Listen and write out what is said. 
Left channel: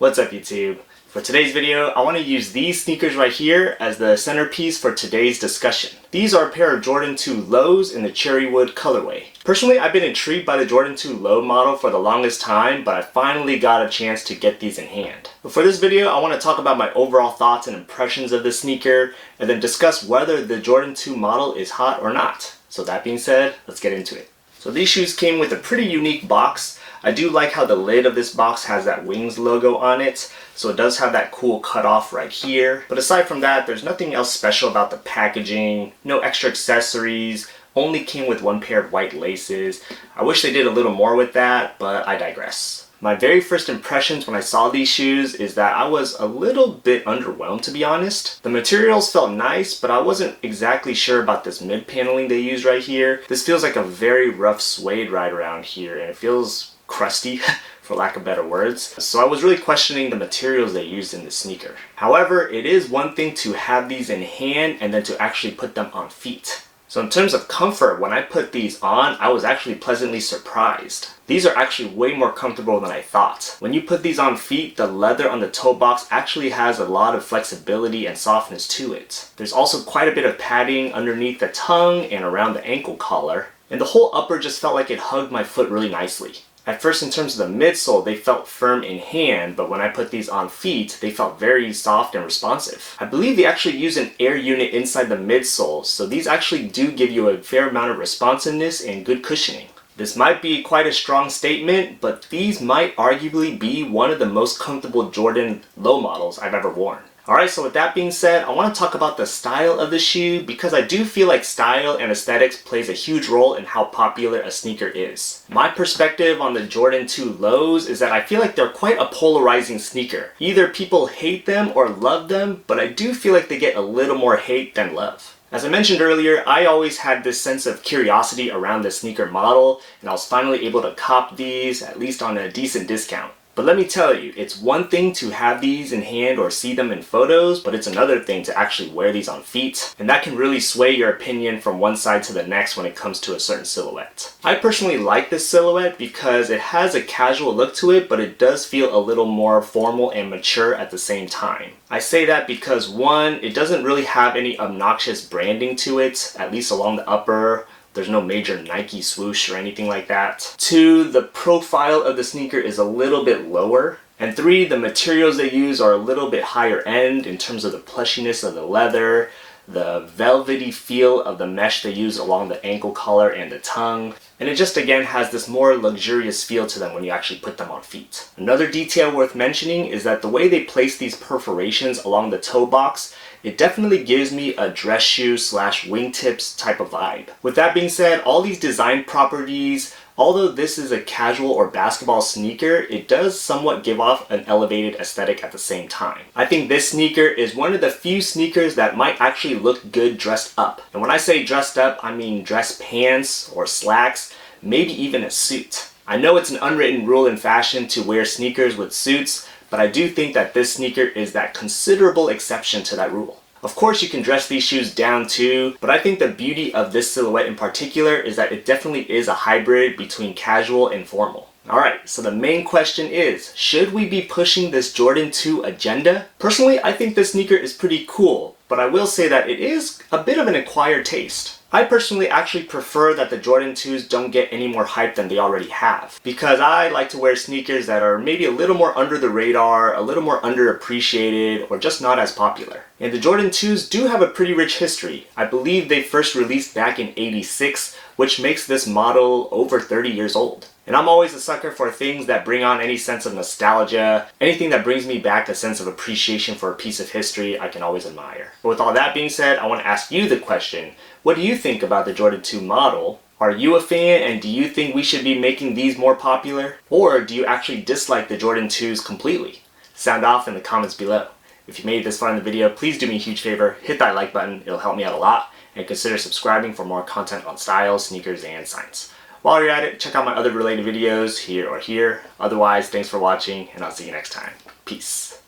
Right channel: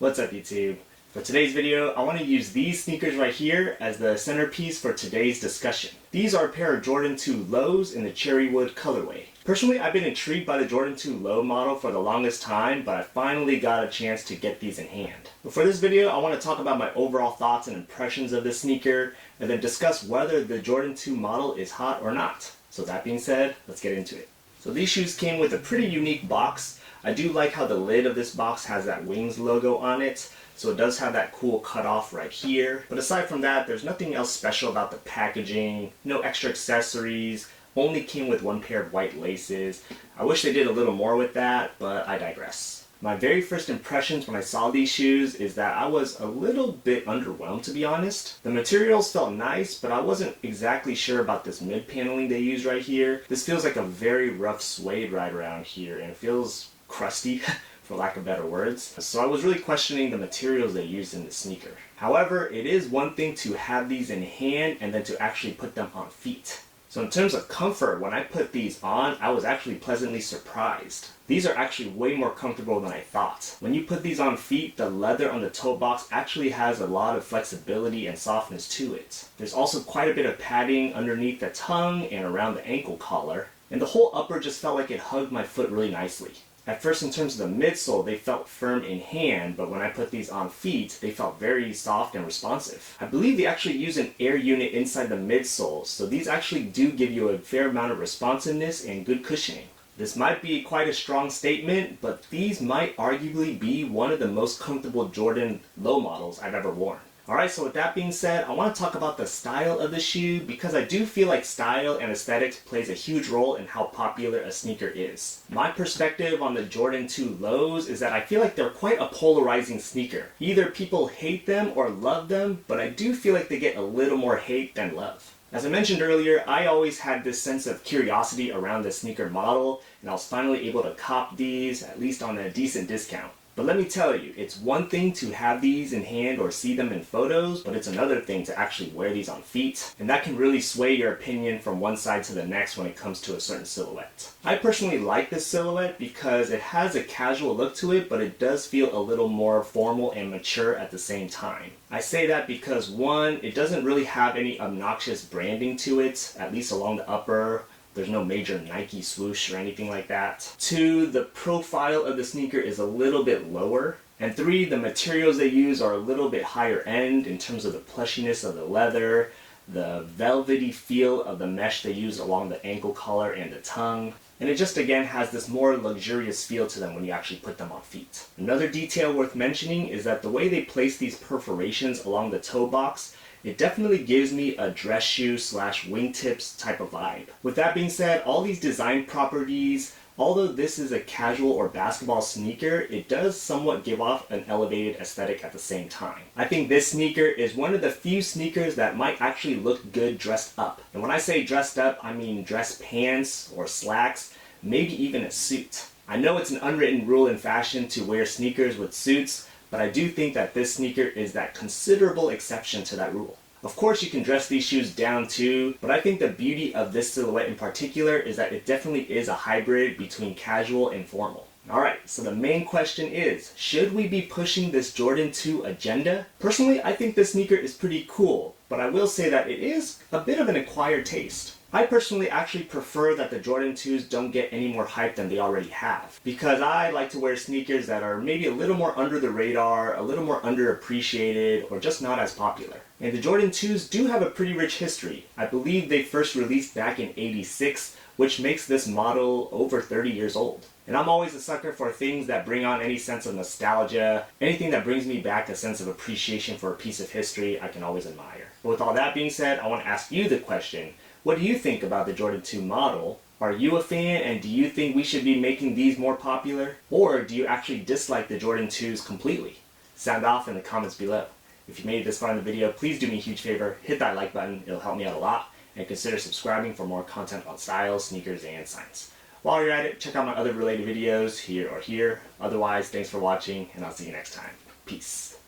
What's up YouTube? For today's video, I want to use these sneakers right here as the centerpiece for today's discussion. These are a pair of Jordan 2 lows in the Cherrywood colorway. Personally, I've been intrigued by the Jordan 2 low model for the longest time, but I finally got a chance to get these in hand. But for this video, I want to talk about my overall thoughts and impressions of this sneaker, and then discuss whether the Jordan 2 model is hot or not. So that being said, let's get into it. So these shoes came with a pretty unique box. I do like how the lid of this box has that Wings logo on it, so it does have that cool cutoff right here. But aside from that, there's nothing else special about the packaging, no extra accessories, only came with one pair of white laces. I wish they did a little more with that, but I digress. My very first impressions when I saw these shoes is that I was a little bit underwhelmed, to be honest. The materials felt nice, but I wasn't exactly sure about this mid paneling they used right here. This feels like a very rough suede right around here, and it feels crusty for lack of better words. So I was really questioning the materials they used in this sneaker. However, it is one thing to have these in hand and then to actually put them on feet. So in terms of comfort, when I put these on, I was actually pleasantly surprised. These are actually way more comfortable than I thought. When you put these on feet, the leather on the toe box actually has a lot of flexibility and softness to it. There's also quite a bit of padding underneath the tongue and around the ankle collar, and the whole upper just felt like it hugged my foot really nicely. At first, in terms of the midsole, they felt firm in hand, but when I put these on feet, they felt very soft and responsive. I believe they actually use an air unit inside the midsole, so these actually do give you a fair amount of responsiveness and good cushioning. This might be quite a strong statement, but these might arguably be one of the most comfortable Jordan low models I've ever worn. Alright, so with that being said, I want to talk about the style of the shoe because I do feel like style and aesthetics plays a huge role in how popular a sneaker is. My perspective on the Jordan 2 lows is that I feel like they're quite a polarizing sneaker. Either people hate them or love them, but I do feel like they get a little more hate than love. As I mentioned earlier, I always had this sense of curiosity around the sneaker model, and I was finally able to cop these, at least on a decent discount. But let me tell you, it's one thing to have these in hand or see them in photos, but it's another thing to actually wear these on feet. And that can really sway your opinion from one side to the next when it comes to a certain silhouette. I personally like this silhouette because it has a casual look to it, but it does feel a little more formal and mature at the same time. I say that because one, it doesn't really have any obnoxious branding to it, at least along the upper. There's no major Nike swoosh or anything like that. 2, the profile of the sneaker is a little bit lower. And 3, the materials they use are a little bit higher end in terms of the plushiness of the leather, the velvety feel of the mesh they use along the ankle collar and the tongue. And it just again has this more luxurious feel to them when you actually put them on feet. Another detail worth mentioning is that the way they place these perforations along the toe box, it definitely gives me a dress shoe / wingtips type of vibe. With that being said, all these design properties, although this is a casual or basketball sneaker, it does somewhat give off an elevated aesthetic at the same time. I think this sneaker is one of the few sneakers that might actually look good dressed up. And when I say dressed up, I mean dress pants or slacks, maybe even a suit. I know it's an unwritten rule in fashion to wear sneakers with suits, but I do think that this sneaker is that considerable exception to that rule. Of course you can dress these shoes down too, but I think the beauty of this silhouette in particular is that it definitely is a hybrid between casual and formal. Alright, so the main question is, should we be pushing this Jordan 2 agenda? Personally, I think this sneaker is pretty cool, but I will say that it is a bit of an acquired taste. I personally actually prefer that the Jordan 2s don't get any more hype than they already have, because I like to wear sneakers that are maybe a little more under the radar, a little more underappreciated, or just not as popular. And the Jordan 2s do have a pretty rich history. I believe they first released back in '86, which makes this model over 30 years old. And I'm always a sucker for things that bring on any sense of nostalgia, anything that brings me back a sense of appreciation for a piece of history I can always admire. But with all that being said, I want to ask you the question, what do you think about the Jordan 2 model? Are you a fan, and do you think we should be making these more popular? Or do you actually dislike the Jordan 2s completely? Sound off in the comments below. If you made it this far in the video, please do me a huge favor, hit that like button, it'll help me out a lot, and consider subscribing for more content on styles, sneakers, and science. While you're at it, check out my other related videos here or here. Otherwise, thanks for watching, and I'll see you next time. Peace.